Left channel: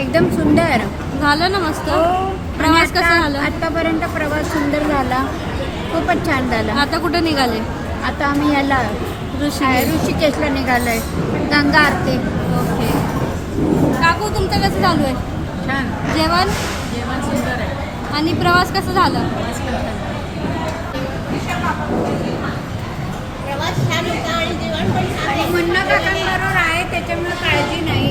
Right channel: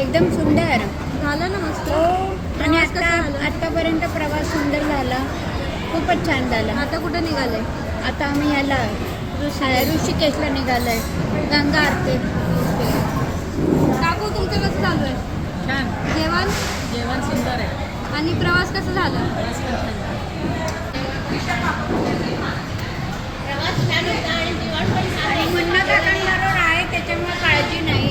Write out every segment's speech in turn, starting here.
एकदम सुंदर झालं ना मस्त. आणि आतापर्यंत प्रवास सुंदर झाला, खूपच छान झाला. आता कुठे निघाले? आता आम्ही याला ऋषिकेशला निघालोय, गंगा आरती. काकू तुमचं कसं चालू आहे? छान. जेवण सुंदर आहे. आणि प्रवास कसा झाला? आणि मुन्ना काकांबरोबर आहे त्याच्यामुळे काळजी नाही.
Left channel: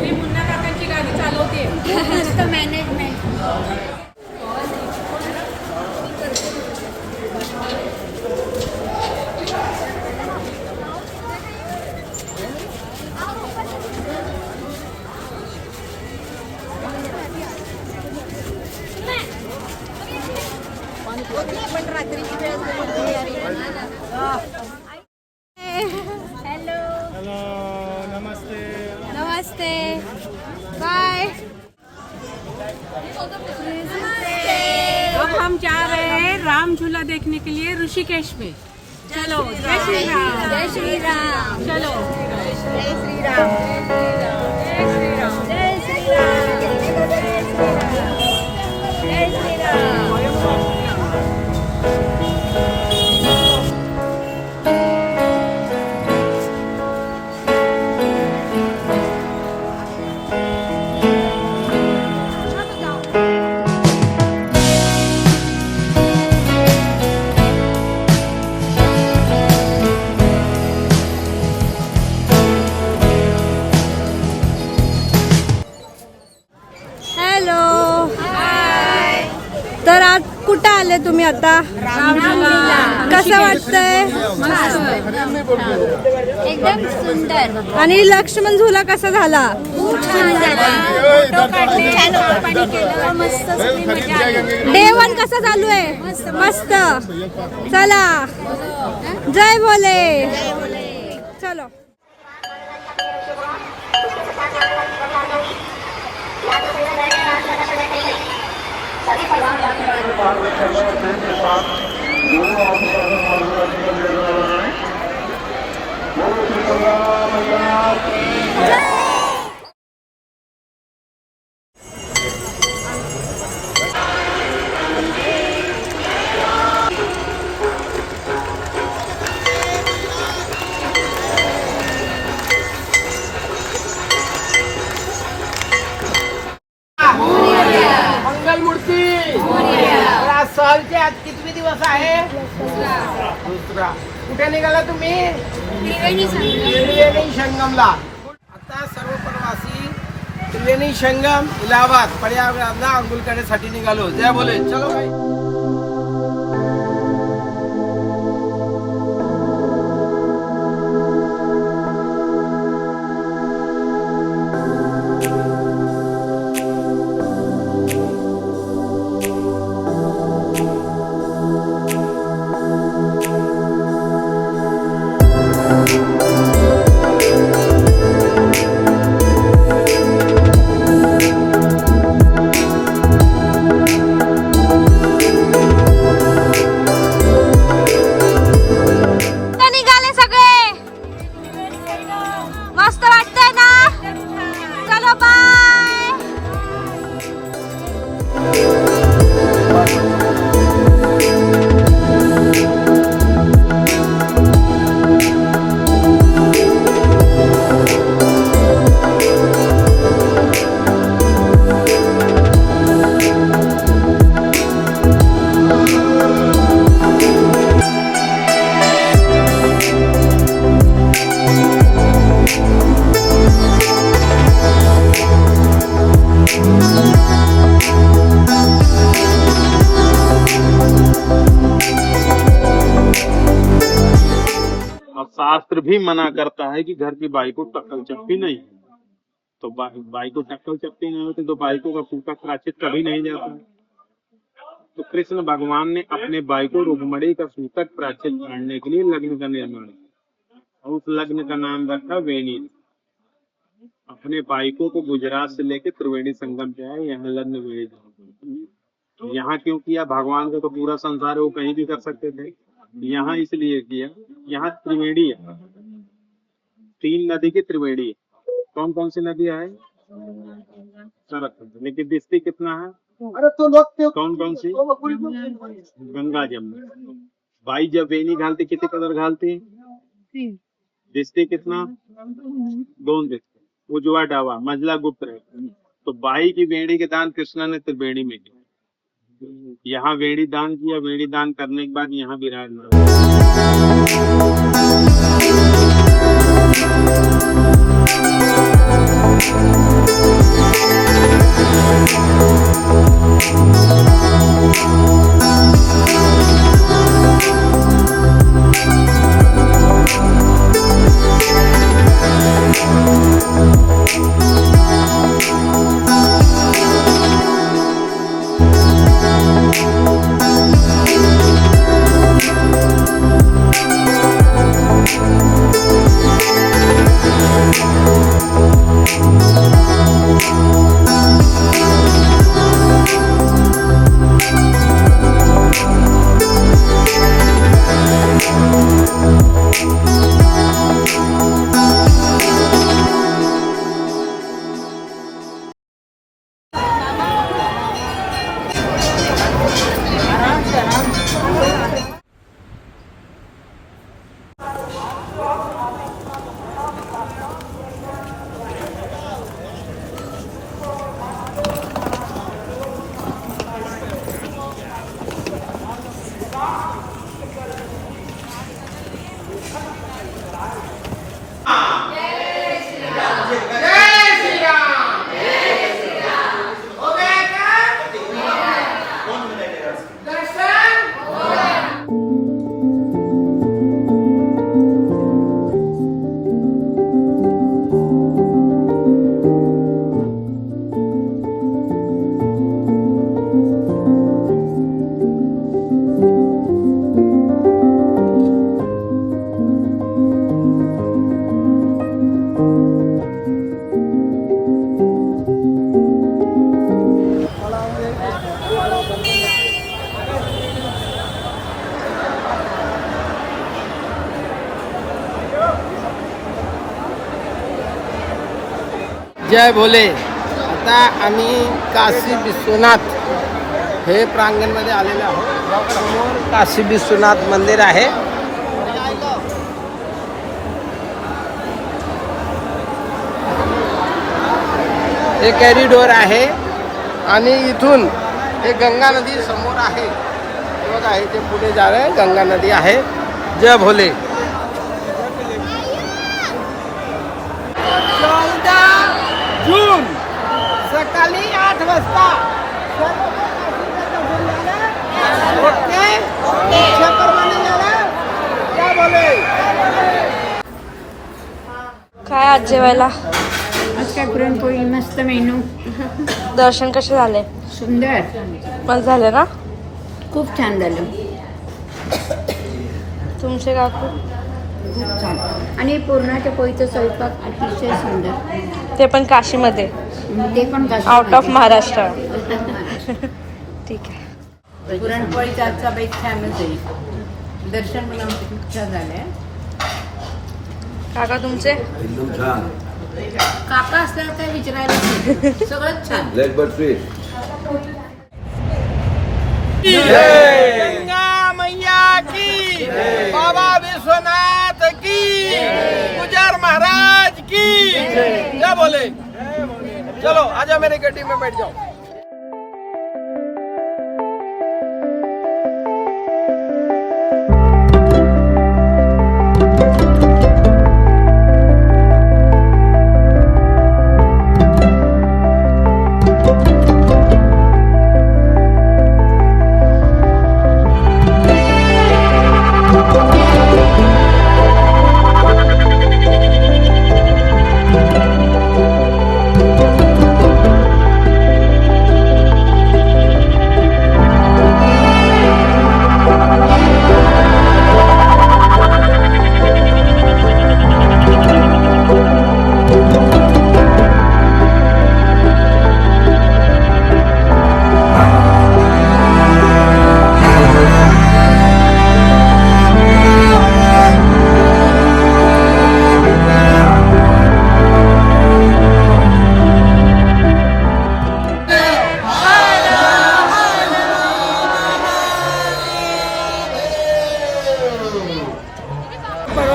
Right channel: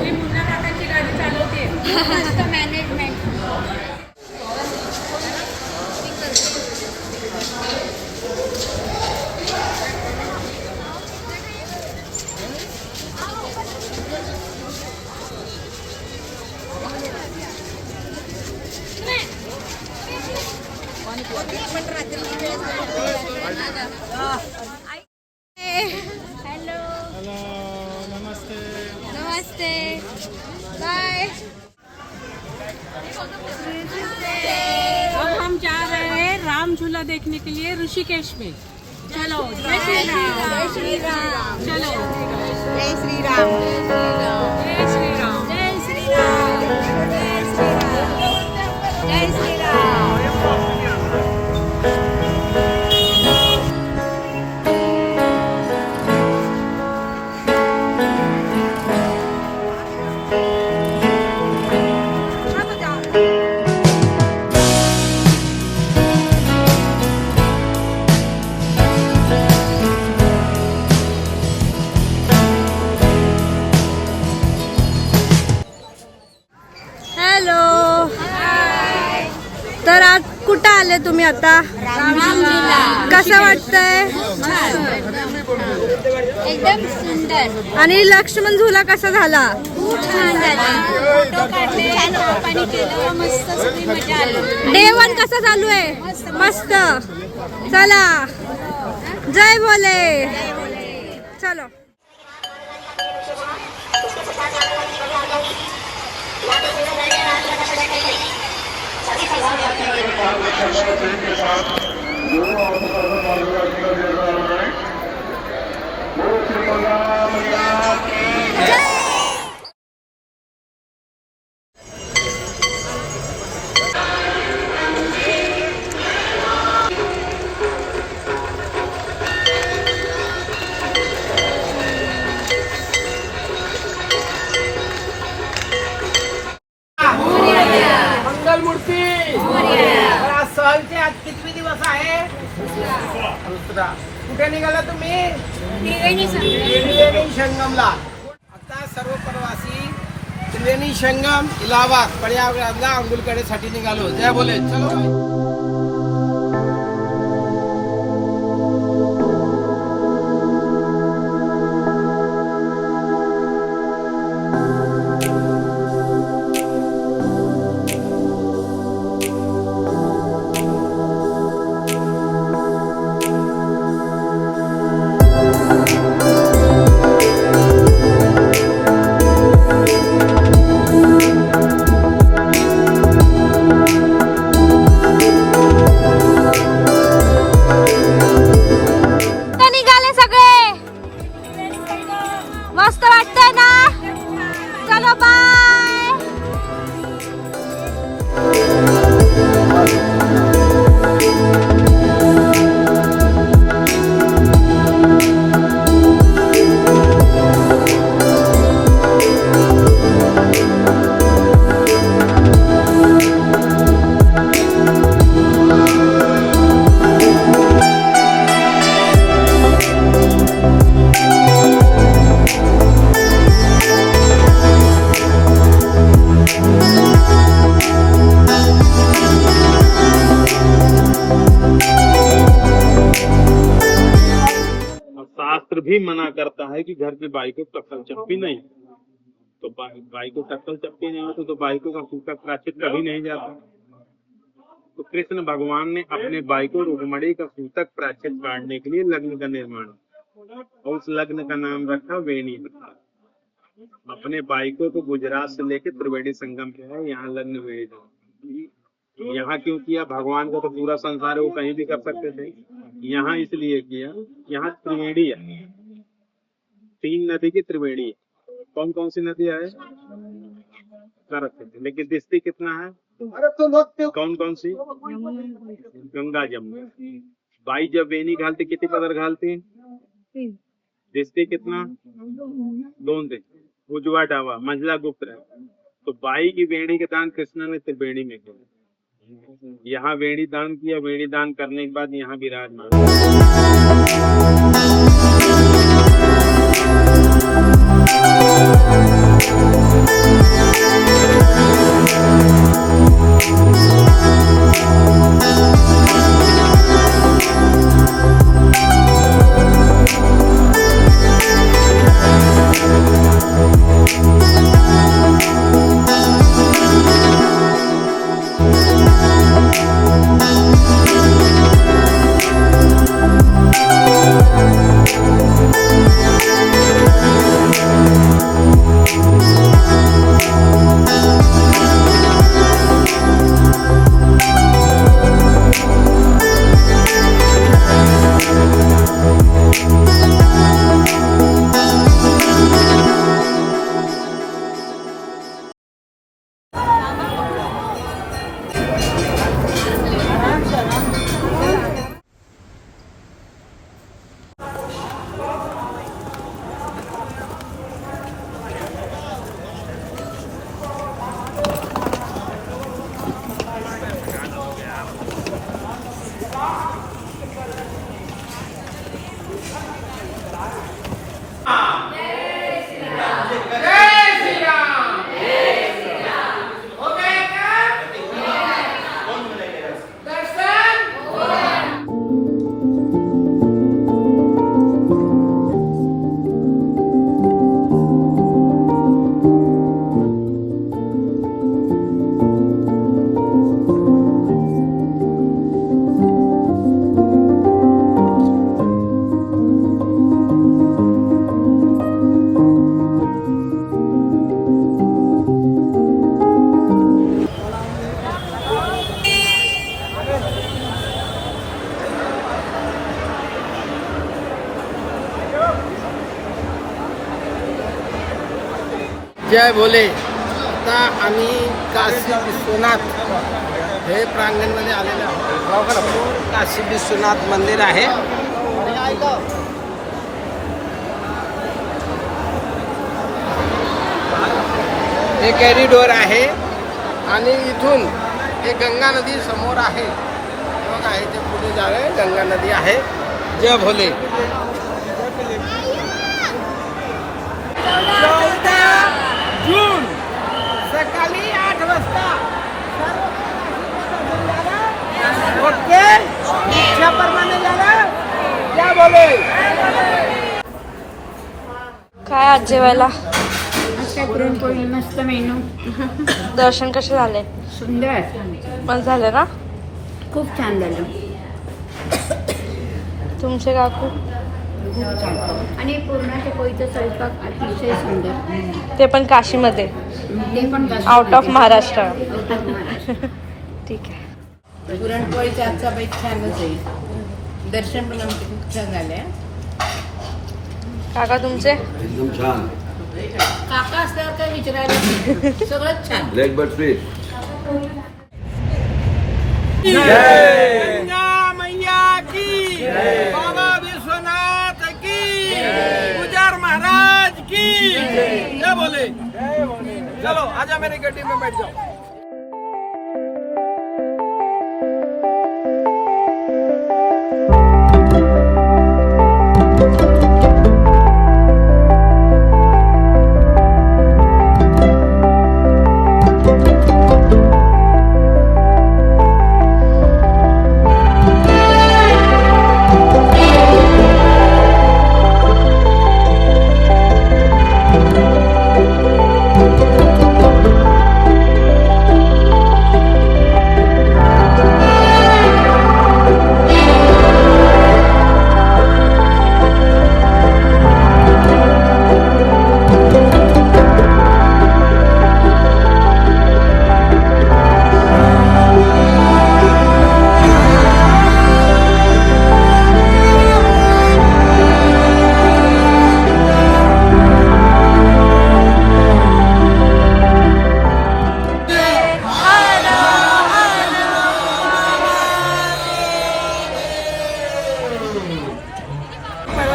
मुन्ना काकांची गाडी चालवते. मस्त मॅनेजमेंट. नमस्ते. बाय. अब हम जा रहे हैं राम झूला देखने के लिए ऋषिकेश में. चलो. जय श्री राम. जय श्री राम. चलो. जय श्री राम. जय श्री राम. जय श्री राम. जय श्री राम. हॅलो. तर आज कुठं आले तुम्ही आता? कसं वाटतंय? एकदम सुंदर. आणि लक्ष्मण झुला कसा झाला? खूप छान झाला. फोटो काढले, पाणी केलं, मस्त सगळी मजा आली. जेवण कसं चालू आहे? मस्त. चला, जय भोले. चलो. मंगलमूर्ती. सहलचे आज किती दिवस आहे? दुसरा. कुठे निघाला तुम्ही? त्रिवेणी संगमला. आता सर्व प्रवासी त्रिवेणी संगम इलाहाबाद प्रयागराजला अंघोळ करण्यासाठी निघालो. जय बोले. चलो भाई. शास्त्र भी मना करता है कि घर की बाई को टक्कर चप्पी नहीं. तो बाई को टक्कर चपटी नहीं होती तो बाइकों का सूतक प्रायश्चित कभी नहीं जाता। तो कृष्ण भगवान ने अपने बाई को रुक्मणी का सूतक प्रायश्चित काटने के लिए लग्न का निर्माण किया और उस लग्न का नाम रखा वेणी। अपने बाइकों को गुजरात से लेकर त्रिवेणी संगम पे आए, यहाँ लग्न वेणी। यहाँ क्यों किया? भगवान को तो पूरा संसार वो कहीं भी कर सकते थे, यहाँ इसलिए किया। यहाँ त्रिवेणी है, 3 नदी की त्रिवेणी है। कौन कौन सी नदी है? सरस्वती। लेकिन दिखती कितना है? कौन कौन सी? गंगा जमुना। बाई जब वेणी घालती कितनी पदर घालती? दिखती कितना? 2 दिखती। उजवा डावा मंझला गुप्त रहे। तो बाई की वेणी के दान कृष्णा ने त्रिवेणी में किया। यहाँ वेणी दान किया। वेणी दान करने के बाद यहाँ विराजमान। जय भोले. आता आम्ही काशी विश्वनाथ हे प्रांगणमध्ये आलेलो आहोत. समोर काशी विश्वनाथ मंदिर आहे. हे कॉरिडोर आहे आणि इथून हे गंगा नदी समोर आहे. हे बघा इथे पुढे जा रहे गंगा नदी आहे. जय भोले. 14 जून सकाळी 8 वाजता ओके इच्छाप्रमाणे जावा. जय भोले. काय आज जेवायला? पुरणपोळी मस्त मेनू. दर्शन कसे झाले? सुंदर, मस्त झाले ना? खूप छान झालं. तुमचे काकू? खूप छान. आणि पुरणाच्या पोळीचा स्वयंपाक अतिशय सुंदर. ते पण काशीमध्ये, ते पण आउट ऑफ महाराष्ट्र. ठीक आहे. पुरणपोळीचा आजचा बेत छानच आहे. दर्शन पण आमचे खूप छान झाले. काका तुमचे? एकदम छान. काका असल्यावर काय विचारायला सगळंच छान. Leg but fish. गंगा मैया की, बाबा विश्वनाथ की, गुजर महाराज की. जय भोले. चलो आजा मेरे गड्डी में बैठ जाओ.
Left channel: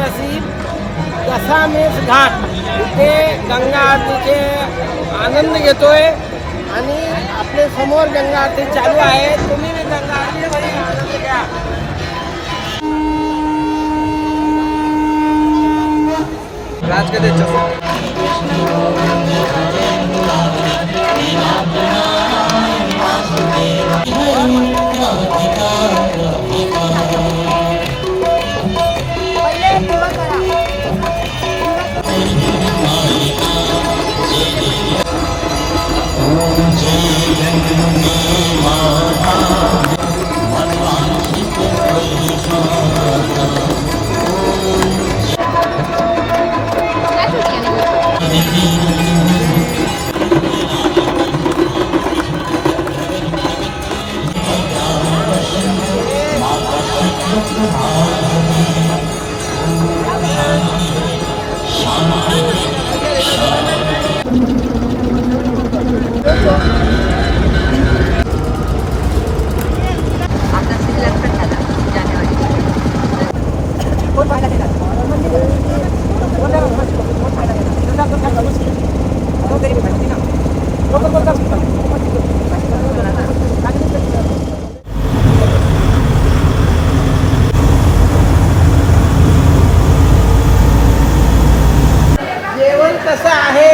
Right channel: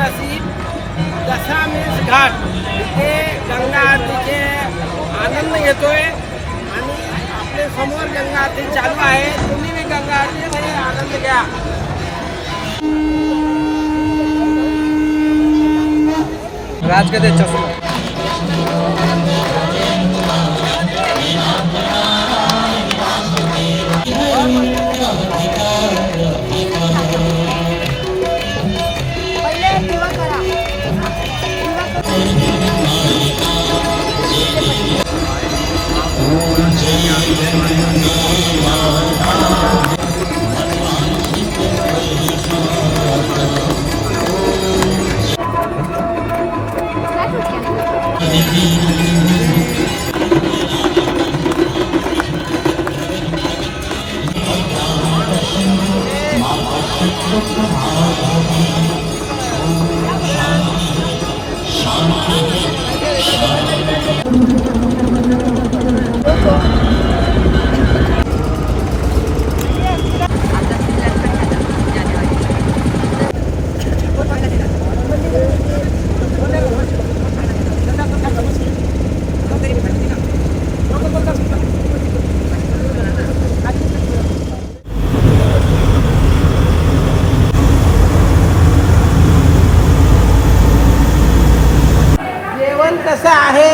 ऐतिहासिक दशामेश घाट इथे गंगा आरतीचे आनंद घेतोय आणि आपल्या समोर गंगा आरती चालू आहे. तुम्ही भी गंगा आरतीमध्ये आनंद घ्या. जेवण कसं आहे?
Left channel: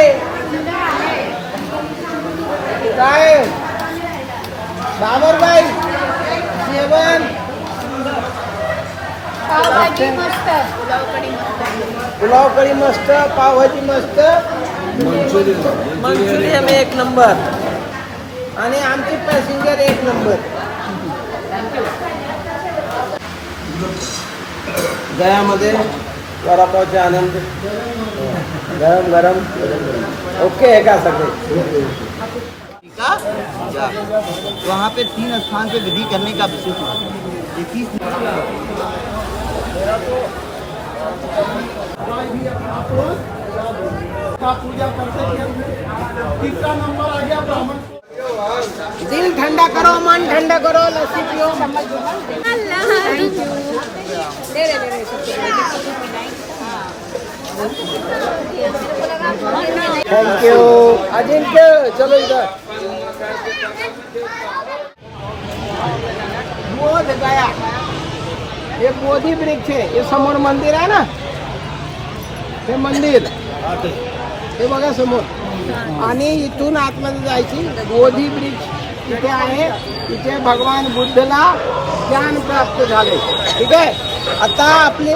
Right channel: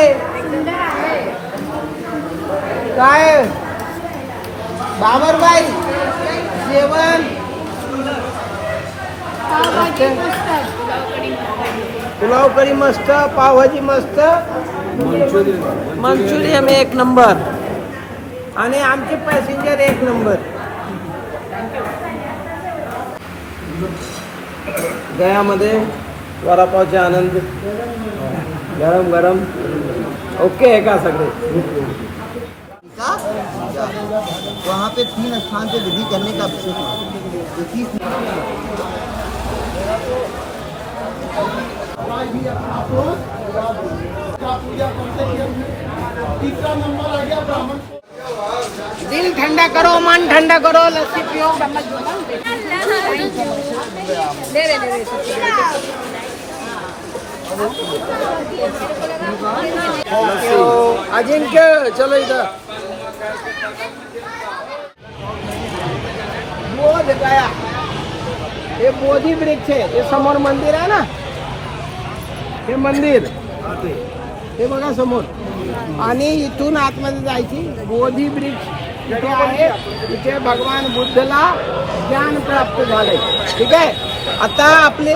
काय बाबरबाई जेवण पुलाव करी मस्त, पावभाजी मस्त, मंचुरियन एक नंबर आणि आमचे पॅसेंजर एक नंबर. गयामध्ये वडापावचे आनंद गरम गरम ओके है क्या सगळे? वहाँ पे 3 स्थान पे विधि करने का विशेष महत्व है. 21 दिल ठंडा करो, मन ठंडा करो, लस्सी पियो. थँक्यू अजिंक्य. चलो इधर बोध गया. हे बोधी वृक्ष आहे. हे समोर मंदिर आहे ना, हे मंदिर हे बघा समोर. आणि इथून आतमध्ये जायची. बोधी वृक्ष इथे आहे. इथे भगवान बुद्धला ज्ञान प्राप्त झाले. ठीक आहे. आता आपले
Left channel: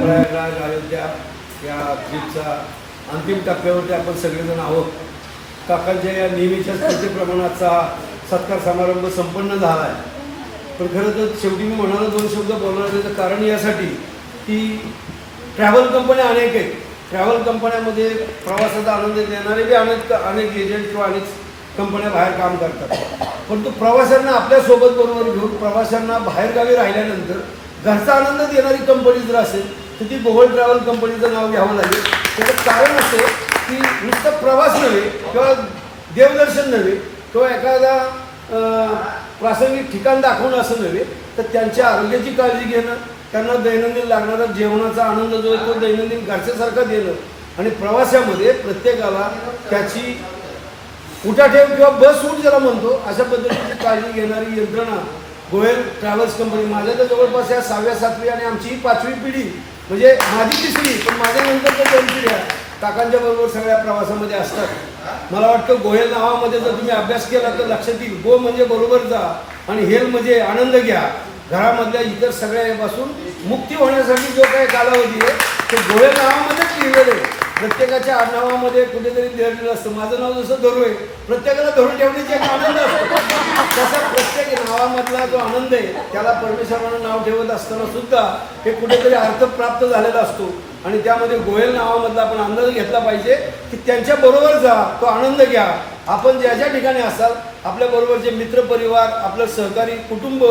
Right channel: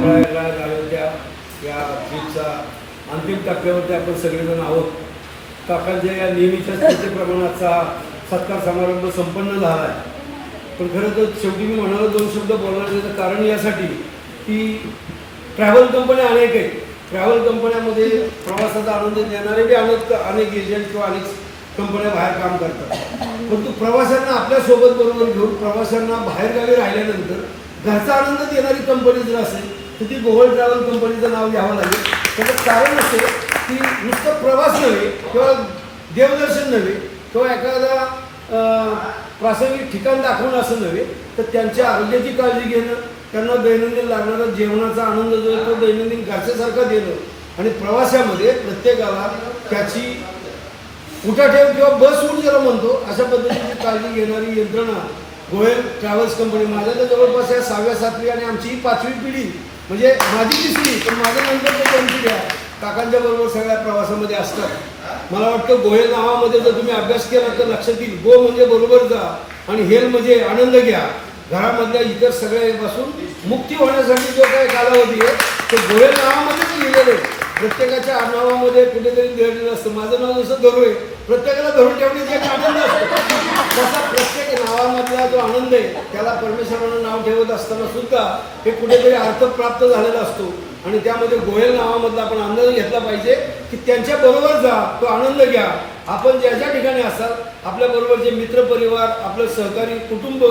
प्रयागराज अयोध्या या ट्रिपचा अंतिम टप्प्यावरती आपण सगळेजण आहोत. काकांच्या या नेहमीच्या स्थितीप्रमाणाचा सत्कार समारंभ संपन्न झाला आहे. पण खरं तर शेवटी मी म्हणाला 2 शब्द बोलणार. त्याचं कारण यासाठी की ट्रॅव्हल कंपन्या अनेक आहेत. ट्रॅव्हल कंपन्यामध्ये प्रवासाचा आनंद देणारे बी अनेक एजंट किंवा अनेक कंपन्या बाहेर काम करतात. परंतु प्रवाशांना आपल्यासोबत बरोबर घेऊन प्रवाशांना बाहेरगावी राहिल्यानंतर घरचा आनंद देणारी कंपनी जर असेल तर ती गोगोल ट्रॅव्हल कंपनीचं नाव घ्यावं लागेल. त्याचं कारण असं की नुसतं प्रवास नव्हे किंवा देवदर्शन नव्हे किंवा एखादा प्रासंगिक ठिकाण दाखवून असं नव्हे तर त्यांच्या आरोग्याची काळजी घेणं, त्यांना दैनंदिन लागणारा जेवणाचा आनंद जो आहे तो दैनंदिन घरच्यासारखा देणं आणि प्रवासामध्ये प्रत्येकाला त्याची उठाठेव किंवा बस सूट ज्याला म्हणतो अशा पद्धतीची काळजी घेणारी यंत्रणा गोयल ट्रॅव्हल्स कंपनी. माझ्या तर जवळपास या 6व्या 7वी आणि आमची ही 5वी पिढी म्हणजे माझी 3री पण माझ्या नंतर तर 2 पिढ्या काकांच्या बरोबर सगळ्या प्रवासामध्ये असतात. मला वाटतं गोयल नावामध्ये जर तुम्ही अभ्यास केला तर लक्षात येईल. गो म्हणजे बरोबर जा आणि हेल म्हणजे आनंद घ्या. घरामधल्या इतर सगळ्यापासून मुक्ती होण्यासाठी जो काही कालावधी आहे तो गोयल नावामध्येच लिहिलेलं आहे. प्रत्येकाच्या नावामध्ये कुठेतरी लिहिलेलं असतं. माझं नाव जसं धरू आहे प्रत्येकाला धरून ठेवण्याची एक आनंद असतो तसा प्रत्येक नावामधला जो आनंद आहे त्याला परमेश्वरानं नाव ठेवत असताना सुद्धा हे कुठेतरी अर्थ प्राप्त झालेला असतो. आणि त्यामध्ये गोयल नावामधला आपण आनंद घेतला पाहिजे की त्यांच्या बरोबर जा, तो आनंद घ्या. आपण ज्या ज्या ठिकाणी असाल आपल्याबरोबरचे मित्रपरिवार, आपलं सहकारी कुटुंब,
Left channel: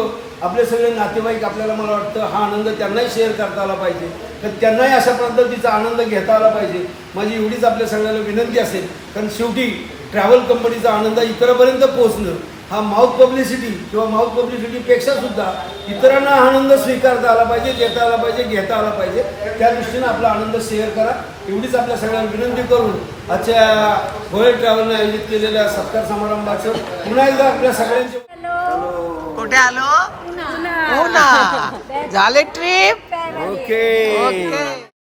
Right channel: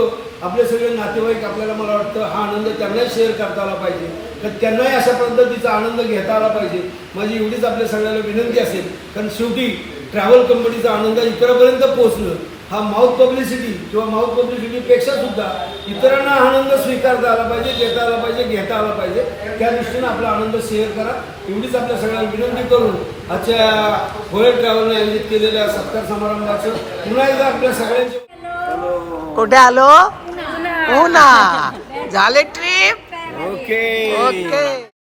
आपले सगळे नातेवाईक, आपल्याला मला वाटतं हा आनंद त्यांनाही शेअर करता आला पाहिजे, तर त्यांनाही अशा पद्धतीचा आनंद घेता आला पाहिजे. माझी एवढीच आपल्या सगळ्याला विनंती असेल, कारण शेवटी ट्रॅव्हल कंपनीचा आनंद इतरांपर्यंत पोहोचणं हा माउथ पब्लिसिटी किंवा माउथ पब्लिसिटीपेक्षा सुद्धा इतरांना आनंद स्वीकारता आला पाहिजे, देता आला पाहिजे, घेता आला पाहिजे. त्या दृष्टीनं आपला आनंद शेअर करा एवढीच आपल्या सगळ्यांना विनंती करून आजच्या गोयल ट्रॅव्हलने आयोजित केलेल्या सत्कार समारंभाचं पुन्हा एकदा आपल्या सगळ्यांचे कुठे आलो? हो ना, झाले ट्रिप. ओके.